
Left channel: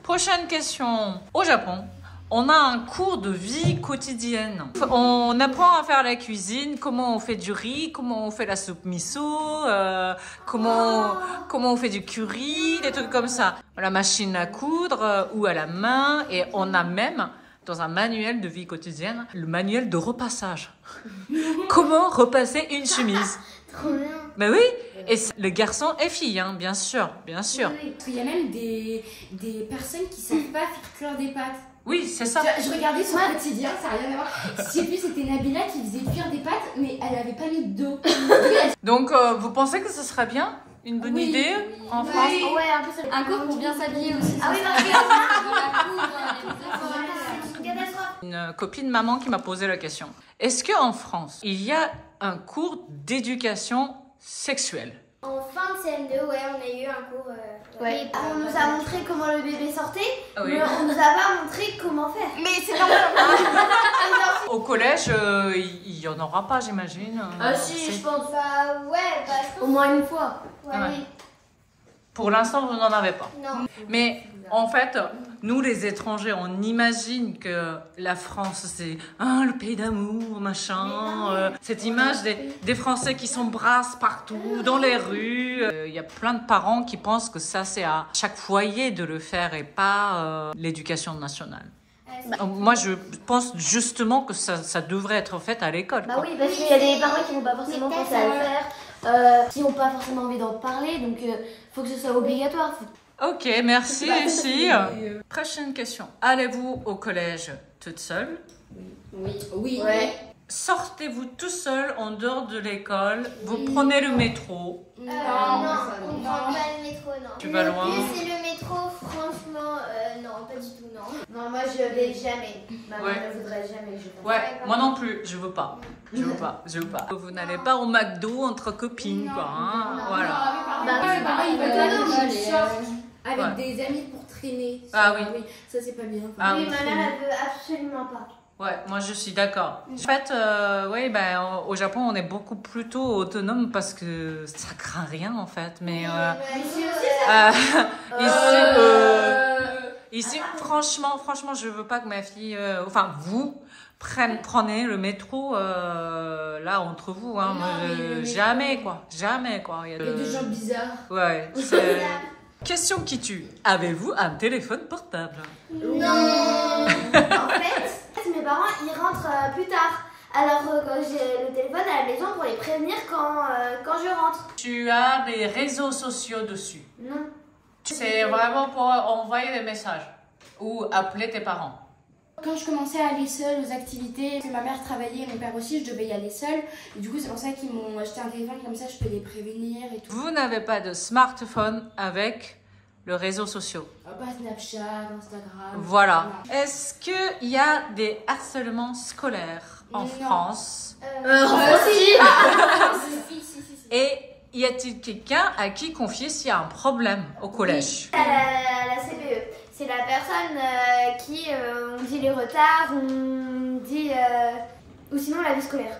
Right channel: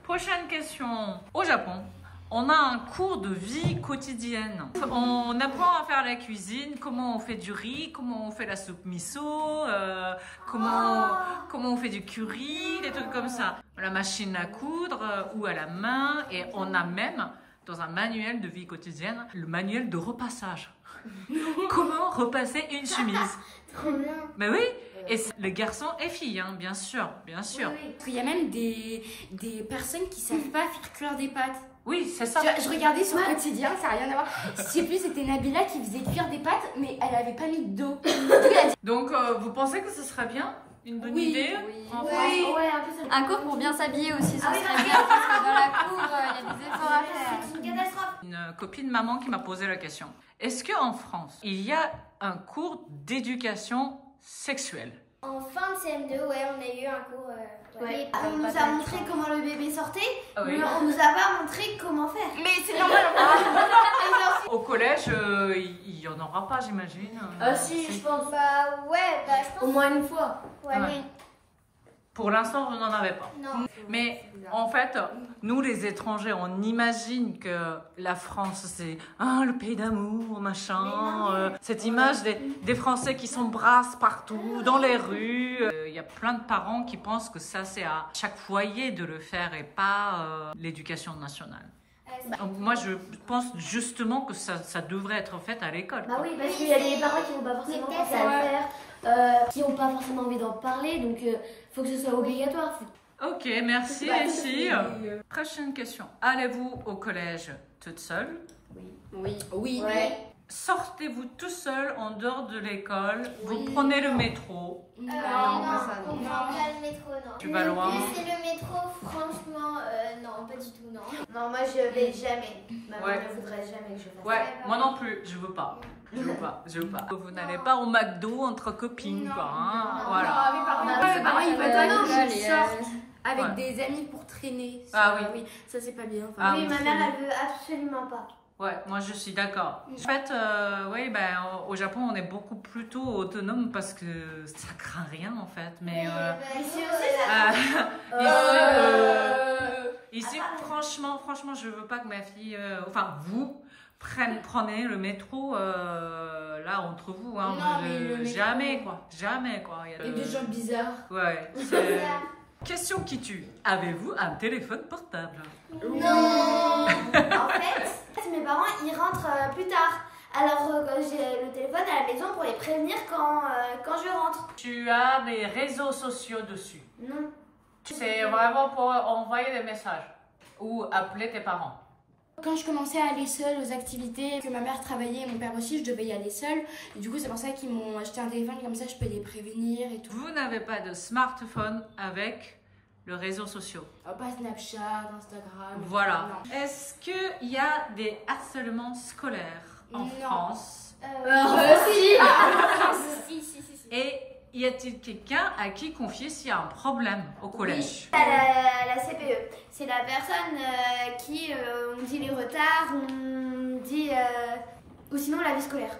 Prochaine question. Au Japon, on a un cours de vie quotidienne. On apprend à faire la cuisine, comment on fait du riz, comment on fait la soupe miso, comment on fait du curry, des trucs comme ça. La machine à coudre ou à la main. Et on a même, dans un manuel de vie quotidienne, le manuel de repassage. Comment repasser une chemise. Trop bien. Mais oui, et les garçons et filles, hein, bien sûr, bien sûr. Oui. Parce qu'il y a même des personnes qui savent pas faire cuire des pâtes. Oui, c'est ça. Je regardais son quotidien, ça n'a rien à voir. Je sais plus, c'était Nabila qui faisait cuire des pâtes, mais elle avait pas mis d'eau. Donc, vous pensez que ce serait bien? Une bonne idée en France? Ouais, un peu ça. Un cours pour bien s'habiller aussi, ça Ah oui, serait bien. Dans la cour, il y a des efforts à faire. C'est une catastrophe. Une copine maman qui m'a posé la question. Est-ce qu'en France, il y a un cours d'éducation sexuelle? En fin de CM2, ouais, on a eu un cours. Ouais. On nous a montré comment le bébé sortait, Ah oui. mais on nous a pas montré comment faire. Mais c'est normal. Au collège, il y en aura pas, j'imagine. Ah si, C'est- je pense. Ouais, je pense. Au moins une fois. Ouais, Ah ouais. oui. Pour l'instant, vous n'en avez pas. Non. Mais en fait, nous les étrangers, on imagine que la France, c'est le pays d'amour, machin. Cette image des Français qui s'embrassent partout, dans les rues. Il y a plein de parents qui pensent que ça, c'est à chaque foyer de le faire et pas l'éducation nationale. Moi, je pense justement que ça devrait être fait à l'école. Bah quoi. oui, parce qu'il y a des parents qui n'ont pas forcément Mais pensé à le faire, qui n'ont pas forcément envie d'en parler, donc faut que ce soit obligatoire. Ok, merci les filles. Prochaine question. Allez-vous au collège toute seule? Oui. Oui. Ouais. Sortez-vous tout seul en dehors de l'école? Vous prenez le métro? Non, ça, on non. prend pas le métro, non. Tu vas loin? C'est le métro, franchement, non, pas du tout, non. Non, moi je vais jamais. Maman Ouais. ne voudrait jamais que je fasse Ouais, moi non plus, je veux pas. Je veux pas. Vous n'allez pas au McDo entre copines, quoi. Hein, voilà. Mes parents, ils veulent pas non, que mais, je sorte avec ouais. des amis pour traîner. Ah oui. Ça, c'est pas bien. Ah Oui, oui. ma mère elle veut absolument pas. Ouais, moi je suis d'accord. En fait, oui, ben, au Japon, on est beaucoup plutôt autonome parce que ça craint rien en fait. Mais Ici ici, franchement, je veux pas que ma fille, enfin vous, prenez le métro là entre vous. Hein, Non, moi, mais le métro- jamais quoi. Il y a Et des gens bizarres. Ouais. c'est- Question qui tue. Avez-vous un téléphone portable? Non. En fait, mes parents ils rentrent plus tard. Alors quand j'ai le téléphone à la maison pour les prévenir quand je rentre. Tu as des réseaux sociaux dessus. Non. C'est vraiment pour envoyer des messages ou appeler tes parents. Quand je commençais à aller seule aux activités, que ma mère travaillait et mon père aussi, je devais y aller seule. Et du coup, c'est pour ça qu'ils m'ont acheté un téléphone, comme ça je peux les prévenir et tout. Vous n'avez pas de smartphone avec le réseau social. Pas Snapchat, Instagram. Voilà. Non. Est-ce qu'il y a des harcèlements scolaires en Non. France? Si. Et y a-t-il quelqu'un à qui confier s'il y a un problème au collège? La CPE, c'est la personne qui on dit les retards, on dit ou sinon la vie scolaire.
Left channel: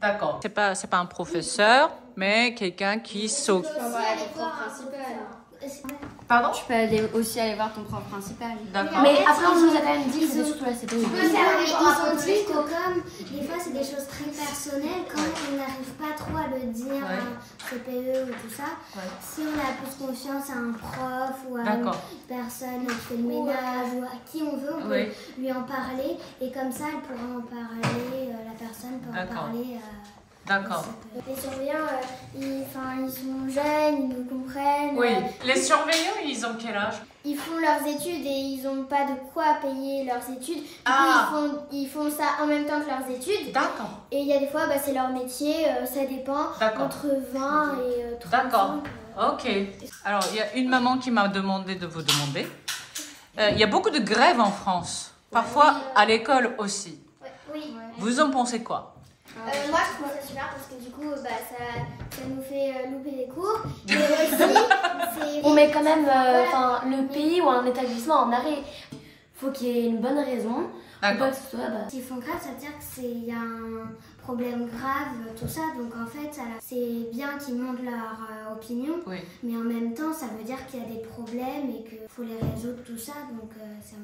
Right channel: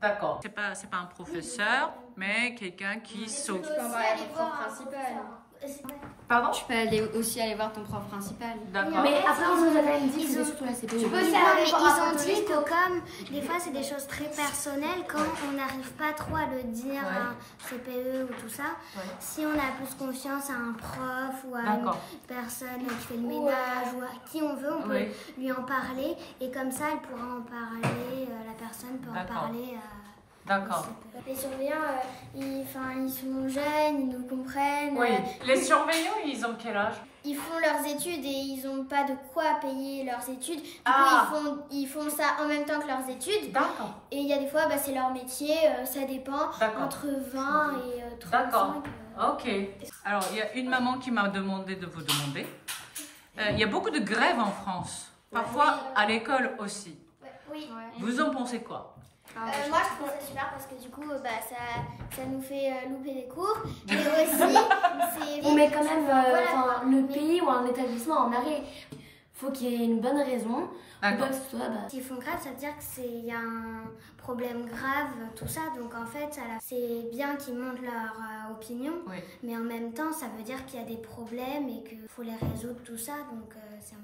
D'accord. C'est pas un professeur, mais quelqu'un qui s'occupe. Aussi aller voir un professeur. Pardon? Tu peux aussi aller voir ton prof principal. D'accord. Mais après, on nous a quand même dit que surtout la CPE. Ils ont dit que comme des fois c'est des choses très personnelles, quand on n'arrive pas trop à le dire à un CPE ou tout ça, si on a plus confiance à un prof ou à une personne qui fait le ménage ou à qui on veut, on peut lui en parler et comme ça elle pourra en parler, la personne peut en parler D'accord. Les surveillants, ils sont jeunes, ils nous comprennent. Oui. Les surveillants, ils ont quel âge? Ils font leurs études et ils n'ont pas de quoi payer leurs études. Du coup, ils font ça en même temps que leurs études. D'accord. Et il y a des fois, c'est leur métier, ça dépend, entre 20 et 35. D'accord. Ok. Alors, il y a une maman qui m'a demandé de vous demander. Il y a beaucoup de grèves en France. Parfois, à l'école aussi. Oui. Vous en pensez quoi? Moi, je trouve ça super parce que du coup, ça nous fait louper les cours. Mais aussi, on met quand même le pays ou un établissement en arrêt. Faut qu'il y ait une bonne raison. D'accord. S'ils font grave, ça veut dire qu'il y a un problème grave, tout ça. Donc en fait, c'est bien qu'ils montrent leur opinion. Mais en même temps, ça veut dire qu'il y a des problèmes et qu'il faut les résoudre, tout ça. Donc,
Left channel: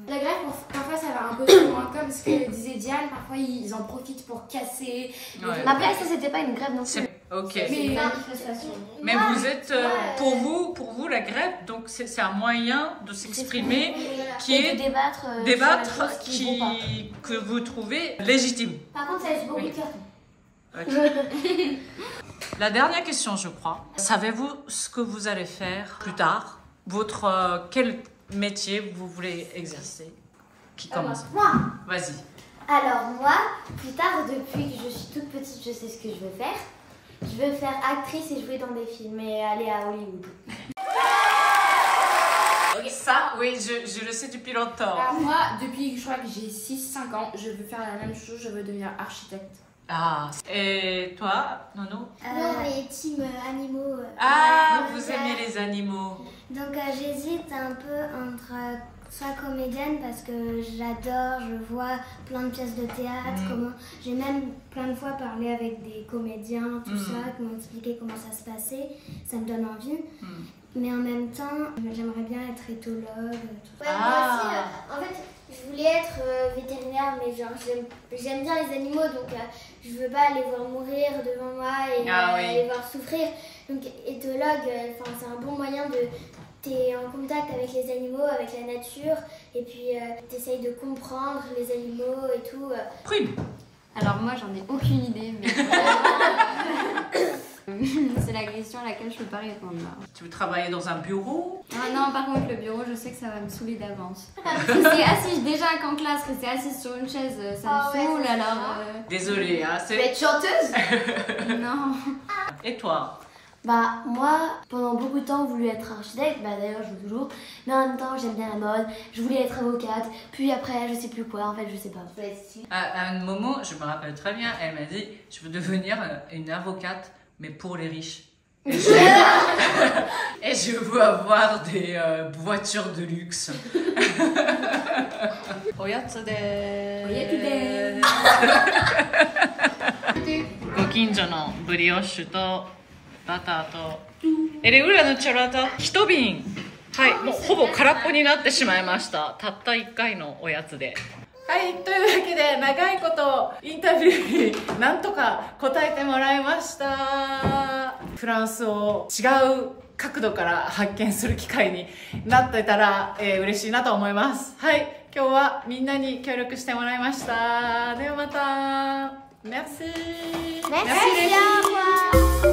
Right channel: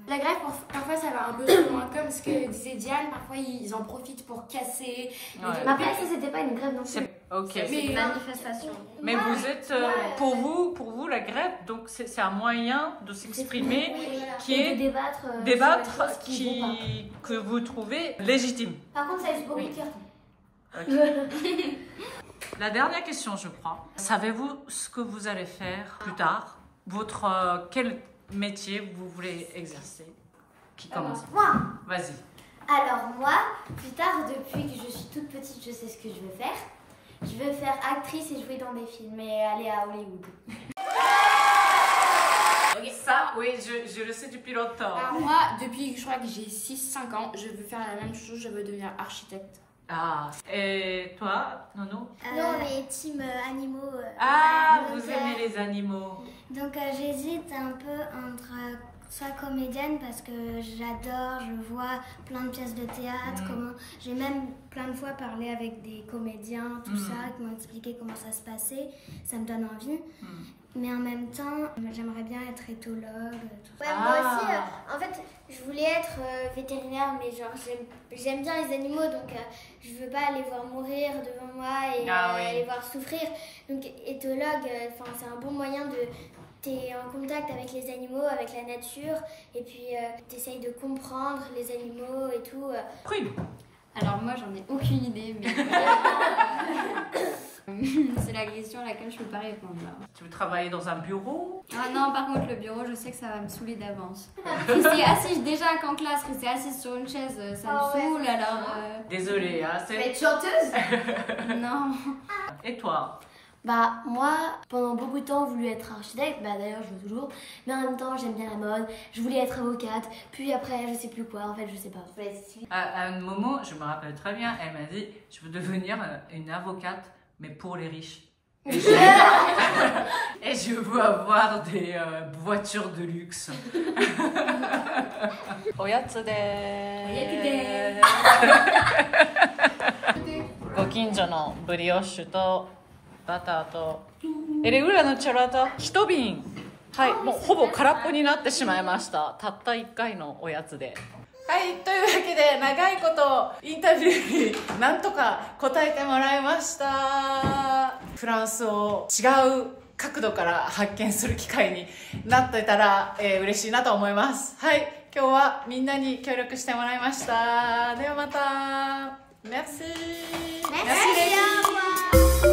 la grève, parfois, ça va un peu plus loin. Comme ce que disait Diane, parfois, ils en profitent pour casser. Mais après, ça, c'était pas une grève non plus. Ok. C'est une manifestation. Mais vous êtes, pour vous, la grève, donc c'est un moyen de s'exprimer qui est de débattre que vous trouvez légitime. Par contre, ça laisse beaucoup de cartons. La dernière question, je crois. Savez-vous ce que vous allez faire plus tard? Quel métier vous voulez exercer? Qui commence? Moi. Vas-y. Alors moi, plus tard, depuis que je suis toute petite, je sais ce que je veux faire. Je veux faire actrice et jouer dans des films et aller à Hollywood. Ça, oui, je le sais depuis longtemps. Alors moi, depuis que je crois que j'ai 6-5 ans, je veux faire la même chose, je veux devenir architecte. Ah, et toi, Nono? Non, mais team animaux. Vous aimez les animaux. Donc j'hésite un peu entre soit comédienne parce que j'adore, je vois plein de pièces de théâtre, j'ai même plein de fois parlé avec des comédiens, tout ça, qui m'ont expliqué comment ça se passait, ça me donne envie. Mais en même temps, j'aimerais bien être éthologue, tout ça. Moi aussi, en fait, je voulais être vétérinaire, mais genre j'aime bien les animaux, donc je veux pas les voir mourir devant moi et les voir souffrir. Donc éthologue, c'est un bon moyen de... T'es en contact avec les animaux, avec la nature, et puis t'essayes de comprendre les animaux et tout. Prune. Alors moi, j'en ai aucune idée, mais c'est la question à laquelle je peux pas répondre là. Tu veux travailler dans un bureau? Ah non, par contre, le bureau, je sais que ça va me saouler d'avance. Rester assise déjà qu'en classe, rester assise sur une chaise, ça me saoule, alors... Désolée, Tu vas être chanteuse? Non. Et toi? Moi, pendant beaucoup de temps, j'ai voulu être architecte, d'ailleurs je veux toujours, mais en même temps j'aime bien la mode, je voulais être avocate, puis après je sais plus quoi, en fait je sais pas. À un moment, je me rappelle très bien, elle m'a dit, je veux devenir une avocate, mais pour les riches. Et je veux avoir des voitures de luxe. Oyatsu desu. Gokinjo no brioche とバターと裏のチョラと1瓶、はい、もうほぼ空っぽになってしまいました。たった1回のおやつで。はい、というわけで長いことインタビューになんとか答えてもらいました。フランスを違う角度から発見する機会になってたら、嬉しいなと思います。はい、今日はみんなに協力してもらいました。ではまた。Merci. Merci les filles.